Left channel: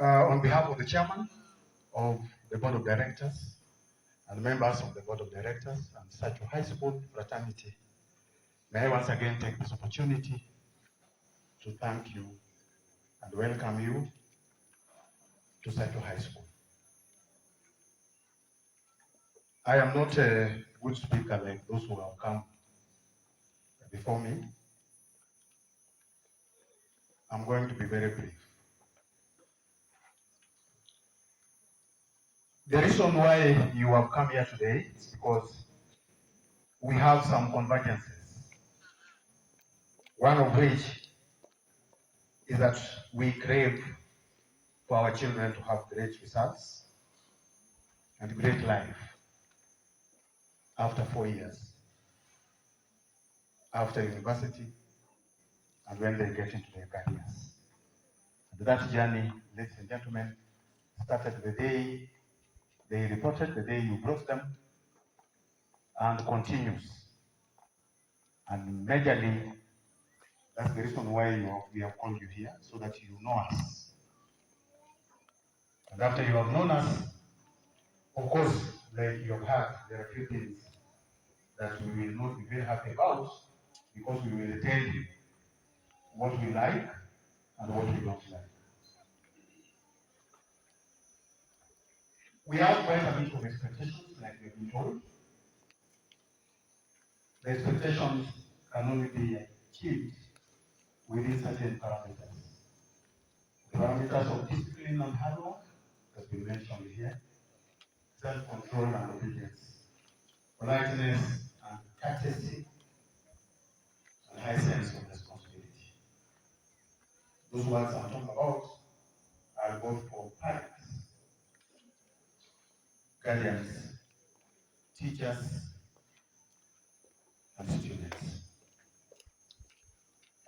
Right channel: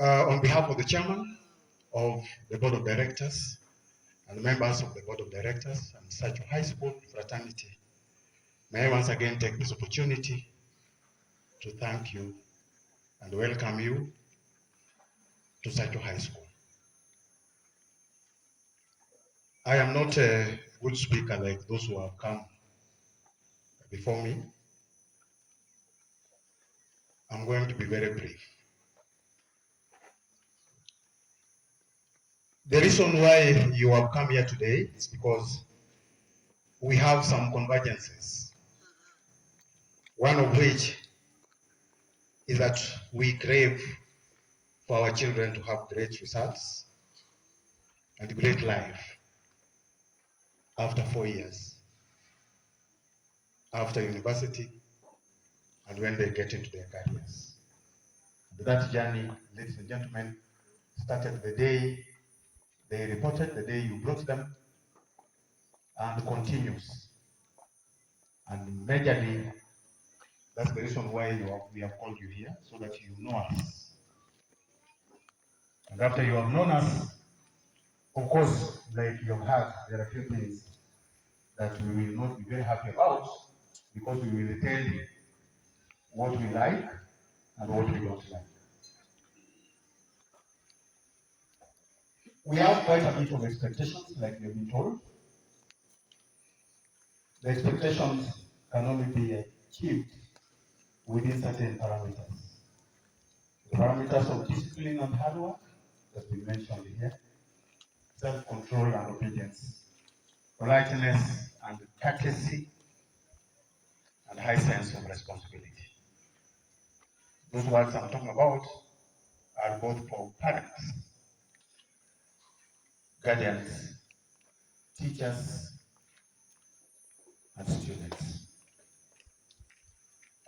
On behalf of the chairman of the board of directors and members of the board of directors and Sacho High School fraternity, may I once again take this opportunity to thank you and welcome you to Sacho High School. I am not a good speaker like those who have come before me. I'm going to be very brief. The reason why you have come here today is because we have some convergences. One of which is that we crave for our children to have great results and great life after 4 years, after university, and when they get into their careers. And that journey, ladies and gentlemen, started the day they reported, the day you brought them, and continues. And majorly, that's the reason why we have called you here, so that you know us. And after you have known us, of course, like you have heard, there are a few things that we will not be very happy about, because we will tell you what we like and what we don't like. We have quite a bit of expectations, like we've been told. The expectations can only be achieved within certain parameters. The parameters of discipline and hard work has been mentioned here, self-control and obedience, politeness and courtesy, and high sense of responsibility. Those words I'm talking about are both for parents, guardians, teachers, and students.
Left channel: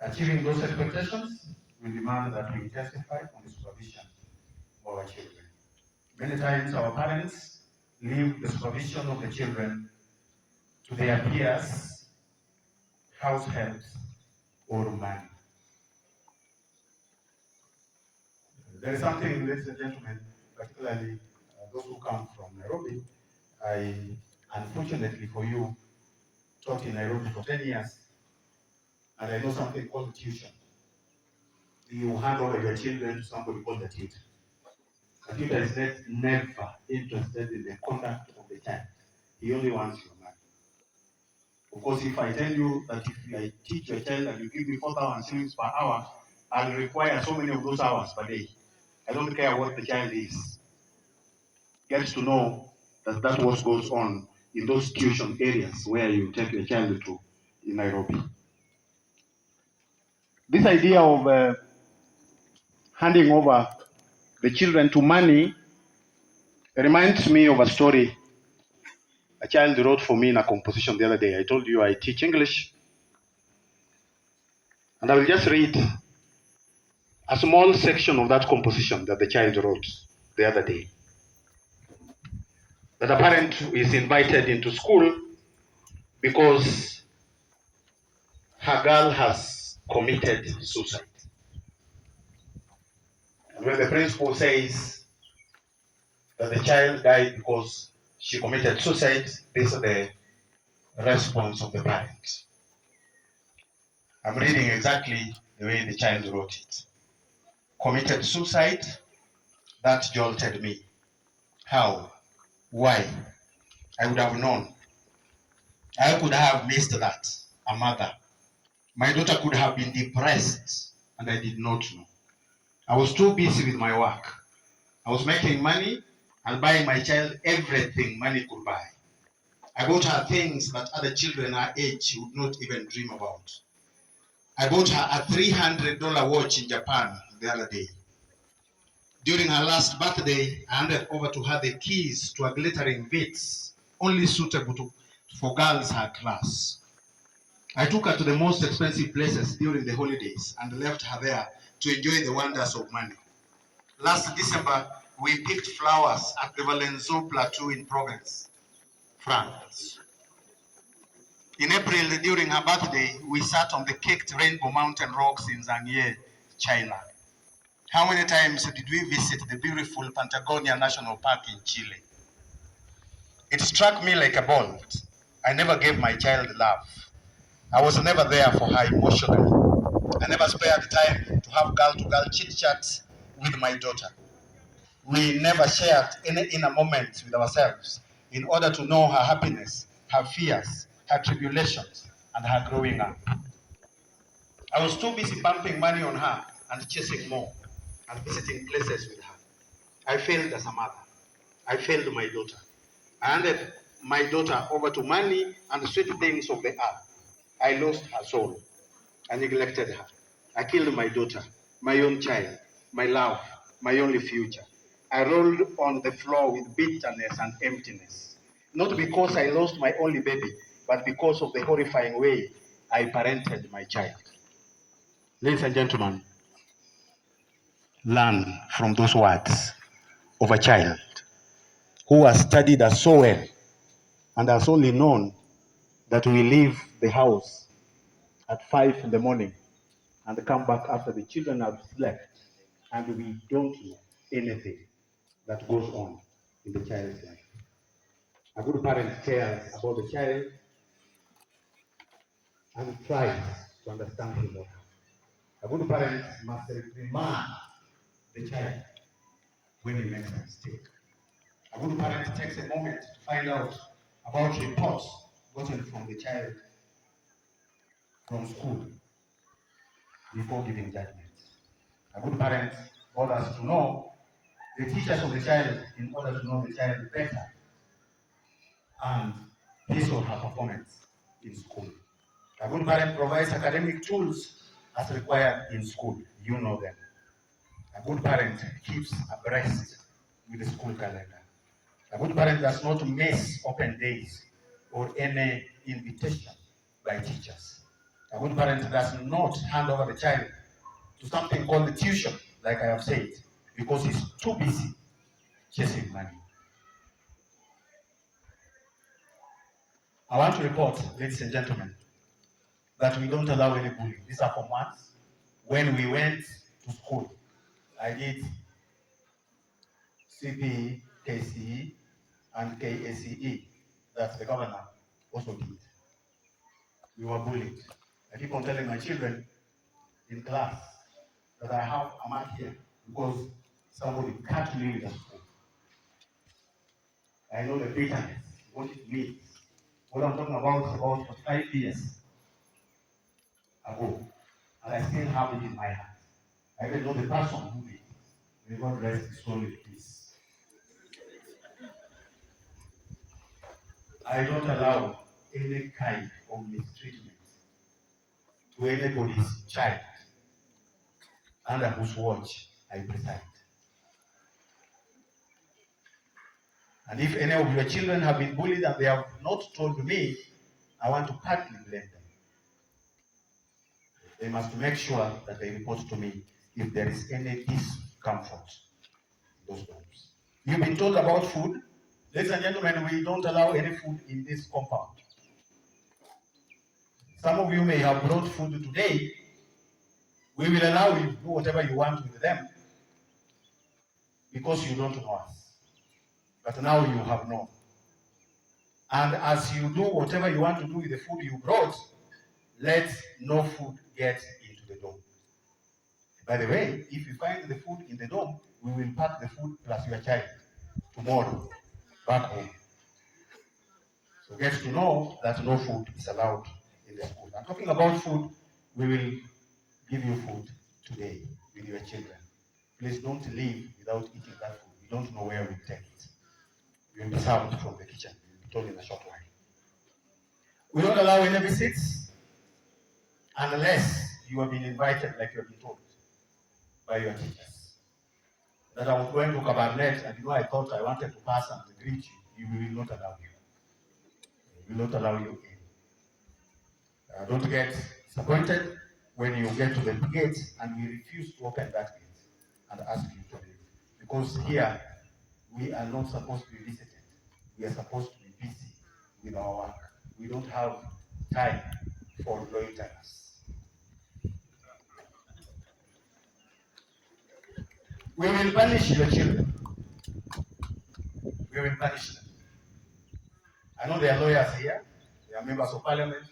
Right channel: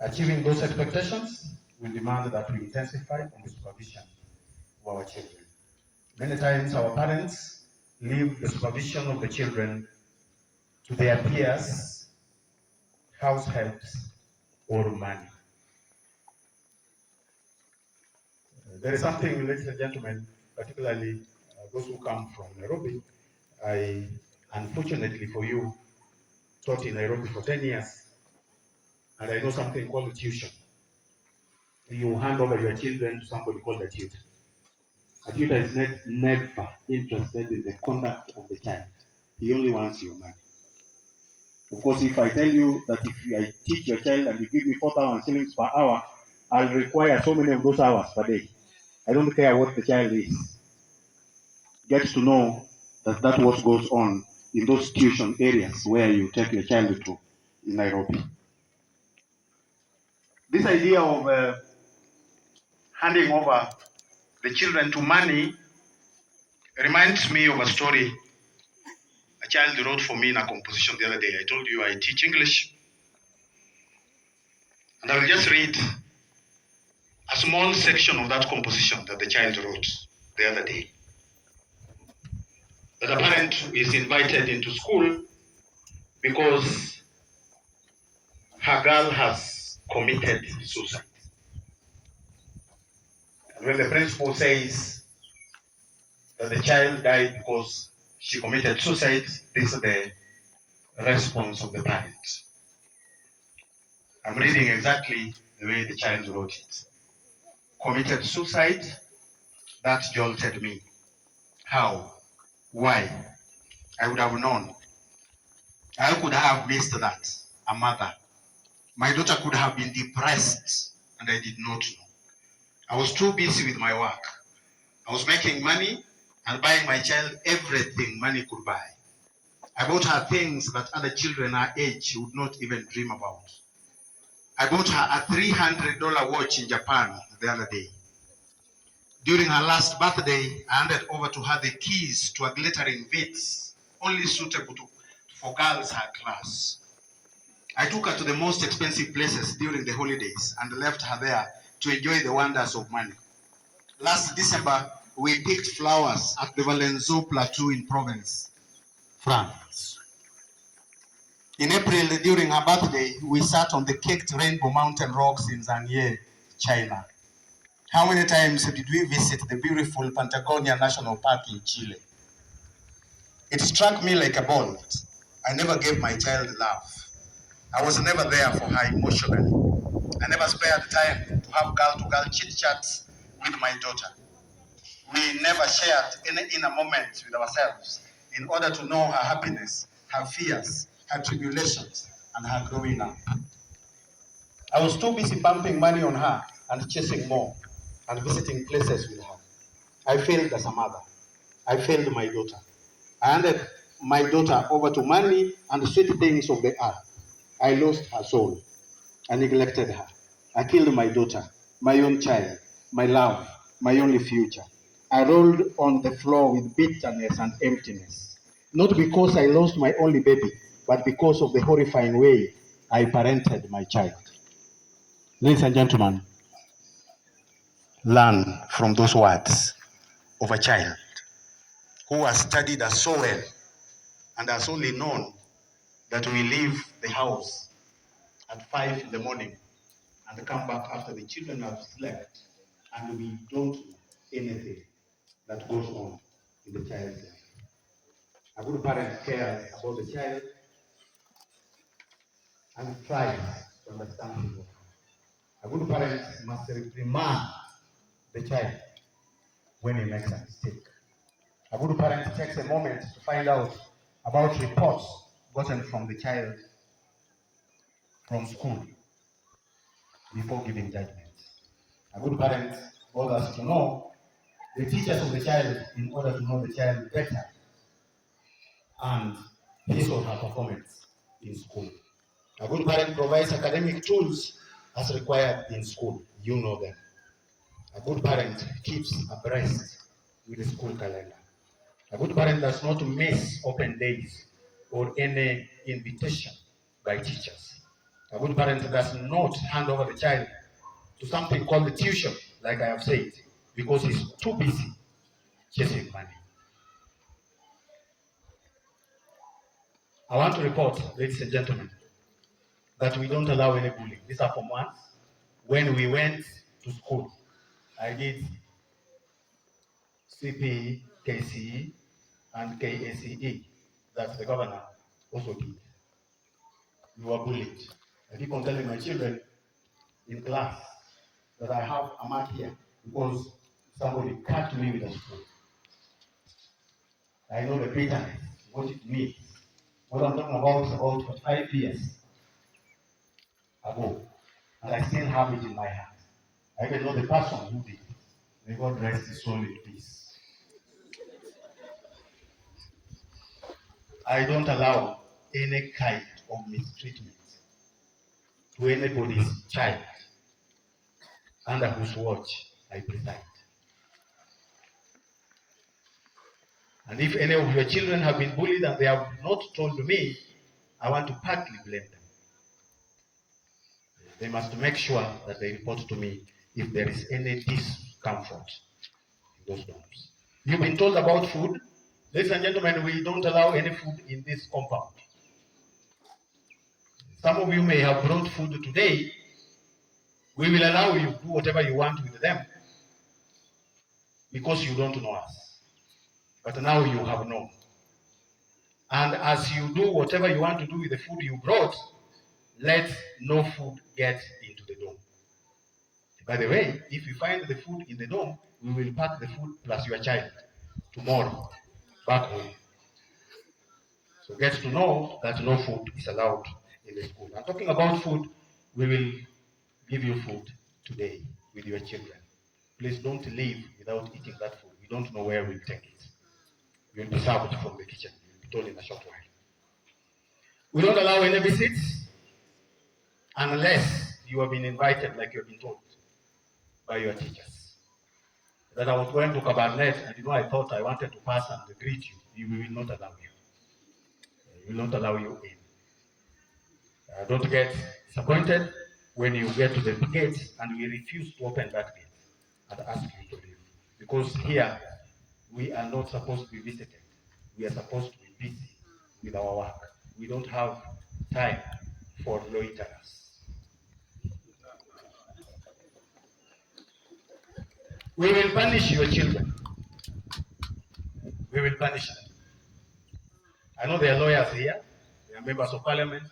Achieving those expectations will demand that we intensify on the supervision of our children. Many times our parents leave the supervision of the children to their peers, house helps, or money. There is something, ladies and gentlemen, particularly those who come from Nairobi. I, unfortunately for you, taught in Nairobi for 10 years, and I know something called tuition. You hand over your children to somebody called a tutor. A tutor is never interested in the conduct of the child. He only wants your money. Of course, if I tell you that if I teach your child and you give me 4,000 shillings per hour, I'll require so many of those hours per day. I don't care what the child is. Gets to know that that's what goes on in those tuition areas where you take your child to in Nairobi. This idea of handing over the children to money reminds me of a story a child wrote for me in a composition the other day. I told you I teach English, and I will just read a small section of that composition that the child wrote the other day. That a parent is invited into school because her girl has committed suicide. And when the principal says that the child died because she committed suicide, this is the response of the parent. I'm reading exactly the way the child wrote it. Committed suicide, that jolted me. How? Why? I would have known. I could have missed that. A mother. My daughter could have been depressed, and I did not know. I was too busy with my work. I was making money and buying my child everything money could buy. I bought her things that other children her age would not even dream about. I bought her a $300 watch in Japan the other day. During her last birthday, I handed over to her the keys to a glittering Vitz, only suitable for girls her class. I took her to the most expensive places during the holidays and left her there to enjoy the wonders of money. Last December, we picked flowers at the Valenzo Plateau in Provence, France. In April, during her birthday, we sat on the caked Rainbow Mountain rocks in Zhangye, China. How many times did we visit the beautiful Patagonia National Park in Chile? It struck me like a bolt. I never gave my child love. I was never there for her emotionally. I never spared time to have girl-to-girl chit-chats with my daughter. We never shared any inner moments with ourselves in order to know her happiness, her fears, her tribulations, and her growing up. I was too busy pumping money on her and chasing more and visiting places with her. I failed as a mother. I failed my daughter. I handed my daughter over to money and sweet things of the earth. I lost her soul. I neglected her. I killed my daughter, my own child, my love, my only future. I rolled on the floor with bitterness and emptiness. Not because I lost my only baby, but because of the horrifying way I parented my child. Ladies and gentlemen, learn from those words of a child who has studied us so well and has only known that we leave the house at 5 in the morning and come back after the children have slept, and we don't know anything that goes on in the child's life. A good parent cares about the child and tries to understand him. A good parent must reprimand the child when he makes a mistake. A good parent takes a moment to find out about reports gotten from the child from school before giving judgment. A good parent orders to know the teachers of the child in order to know the child better and his or her performance in school. A good parent provides academic tools as required in school. You know them. A good parent keeps abreast with the school calendar. A good parent does not miss open days or any invitation by teachers. A good parent does not hand over the child to something called the tuition, like I have said, because he's too busy chasing money. I want to report, ladies and gentlemen, that we don't allow any bullying. These are Form Ones. When we went to school, I did CPE, KCE, and KACE, that the governor also did. We were bullied. I keep on telling my children in class that I have a mark here because somebody cut me with a spoon. I know the bitterness, what it means. What I'm talking about for 5 years ago, and I still have it in my hand. I even know the person who did it. May God rest his soul in peace. I don't allow any kind of mistreatment to anybody's child under whose watch I preside. And if any of your children have been bullied and they have not told me, I want to partly blame them. They must make sure that they report to me if there is any discomfort in those dorms. You've been told about food. Ladies and gentlemen, we don't allow any food in this compound. Some of you may have brought food today. We will allow you to do whatever you want with them because you don't know us. But now you have known. And as you do whatever you want to do with the food you brought, let no food get into the dome. By the way, if you find the food in the dome, we will pack the food plus your child tomorrow back home. So get to know that no food is allowed in the school. And talking about food, we will give you food today with your children. Please don't leave without eating that food. We don't know where we'll take it. You'll be served from the kitchen. You'll be told in a short while. We don't allow any visits unless you have been invited, like you have been told by your teachers. That I was going to Cabernet and I thought I wanted to pass and greet you. We will not allow you. We will not allow you in. Don't get disappointed when you get to the gate and we refuse to open that gate and ask you to leave. Because here, we are not supposed to be visited. We are supposed to be busy with our work. We don't have time for loiterers. We will punish your children. We will punish them. I know there are lawyers here, there are members of parliament,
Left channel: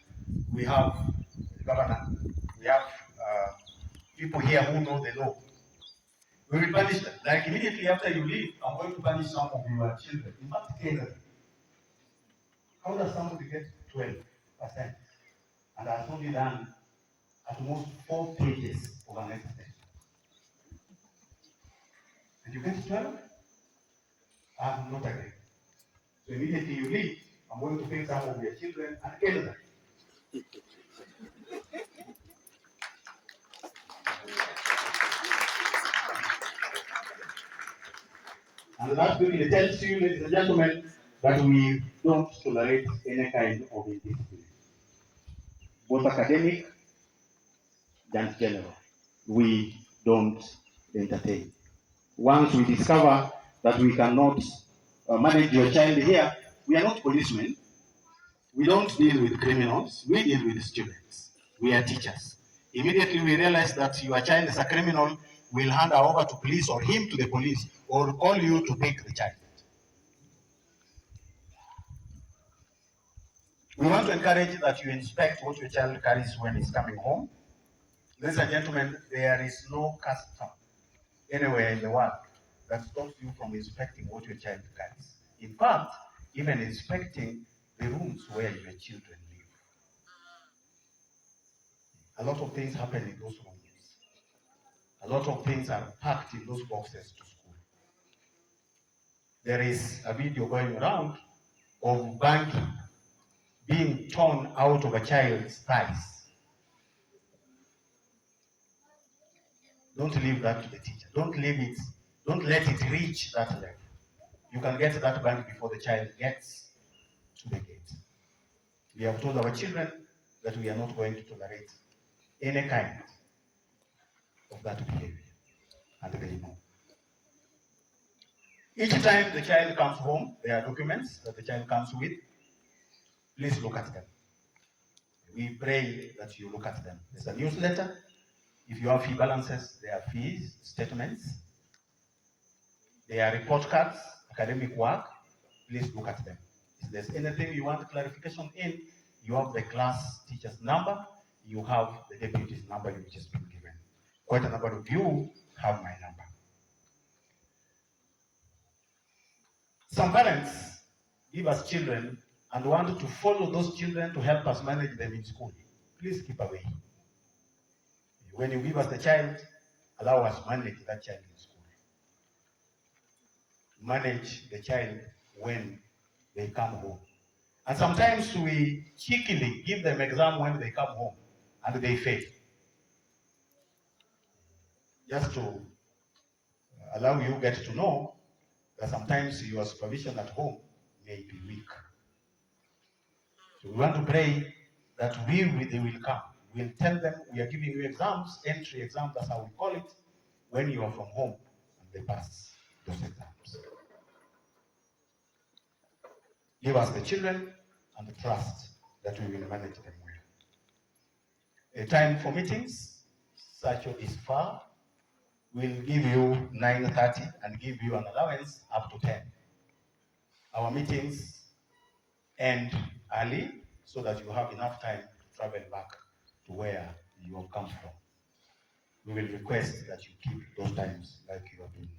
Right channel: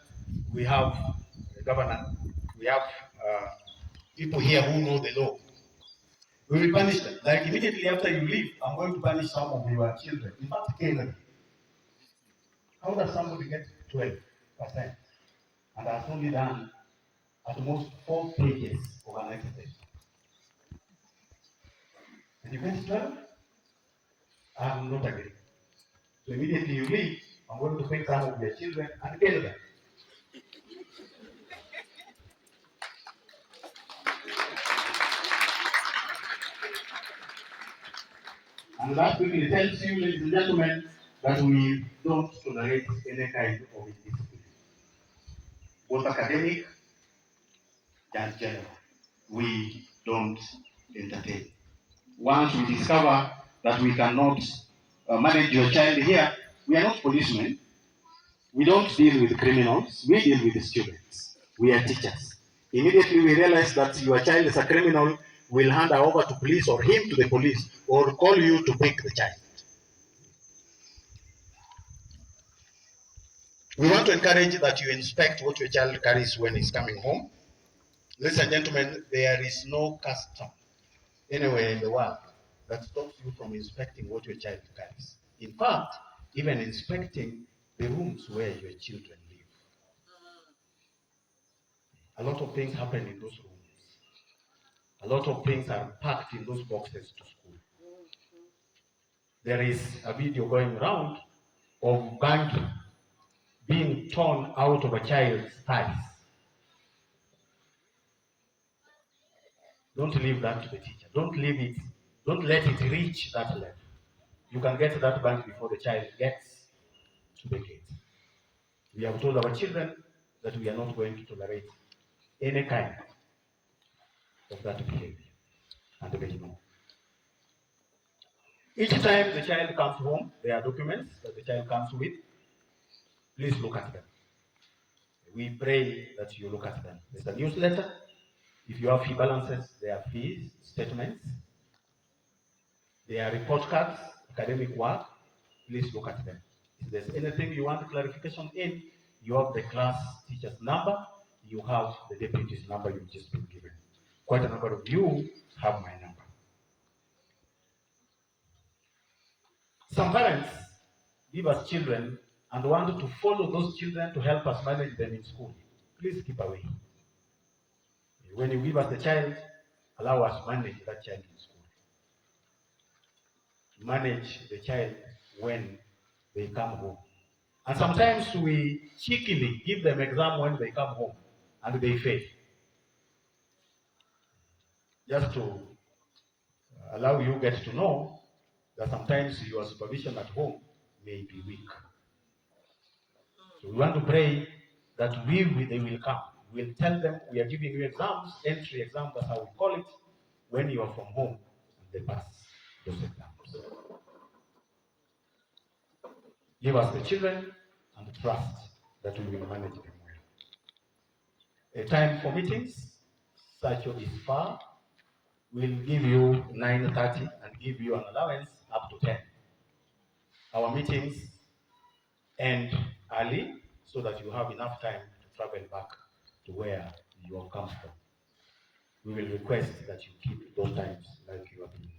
we have the governor, we have people here who know the law. We will punish them. Like immediately after you leave, I'm going to punish some of your children. In fact, Canada. How does somebody get 12%? And has only done at most 4 pages of an exercise. And you get 12? I'm not agreeing. So immediately you leave, I'm going to pick some of your children and kill them. And that quickly tells you, ladies and gentlemen, that we don't tolerate any kind of indiscipline, both academic and general. We don't entertain. Once we discover that we cannot manage your child here, we are not policemen. We don't deal with criminals. We deal with the students. We are teachers. Immediately we realize that your child is a criminal, we'll hand her over to police or him to the police or call you to pick the child. We want to encourage that you inspect what your child carries when he's coming home. Ladies and gentlemen, there is no custom anywhere in the world that stops you from inspecting what your child carries. In fact, even inspecting the rooms where your children live. A lot of things happen in those rooms. A lot of things are packed in those boxes to school. There is a video going around of banking being torn out of a child's thighs. Don't leave that to the teacher. Don't leave it. Don't let it reach that level. You can get that bank before the child gets to the gate. We have told our children that we are not going to tolerate any kind of that behavior, and they know. Each time the child comes home, there are documents that the child comes with. Please look at them. We pray that you look at them. There's a newsletter. If you have fee balances, there are fees, statements. There are report cards, academic work. Please look at them. If there's anything you want clarification in, you have the class teacher's number, you have the deputy's number you've just been given. Quite a number of you have my number. Some parents give us children and want to follow those children to help us manage them in school. Please keep away. When you give us the child, allow us to manage that child in school. Manage the child when they come home. And sometimes we cheekily give them exam when they come home and they fail. Just to allow you get to know that sometimes your supervision at home may be weak. So we want to pray that they will come. We'll tell them we are giving you exams, entry exams, that's how we call it, when you are from home and they pass those exams. Give us the children and the trust that we will manage them well. A time for meetings, Sacho is far. We'll give you 9:30 and give you an allowance up to 10. Our meetings end early so that you have enough time to travel back to where you have come from. We will request that you keep those times like you have been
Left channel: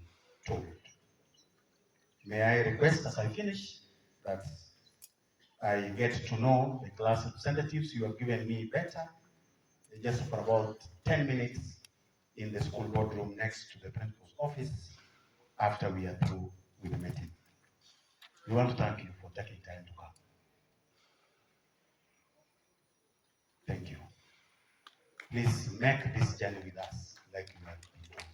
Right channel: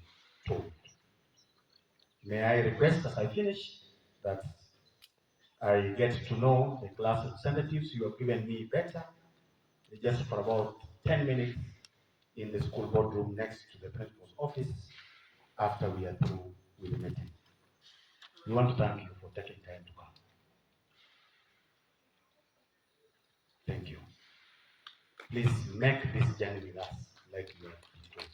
told. May I request as I finish that I get to know the class representatives you have given me better, just for about 10 minutes in the school boardroom next to the principal's office after we are through with the meeting. We want to thank you for taking time to come. Thank you. Please make this journey with us like you have been told.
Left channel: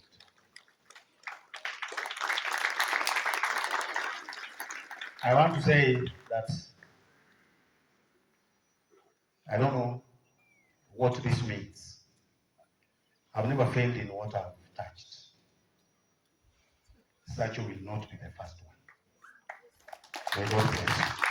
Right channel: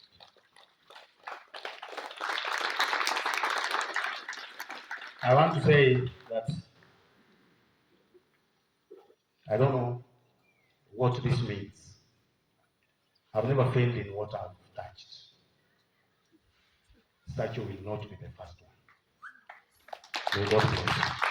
I want to say that I don't know what this means. I've never failed in what I've touched. Sacho will not be the first one. May God bless you.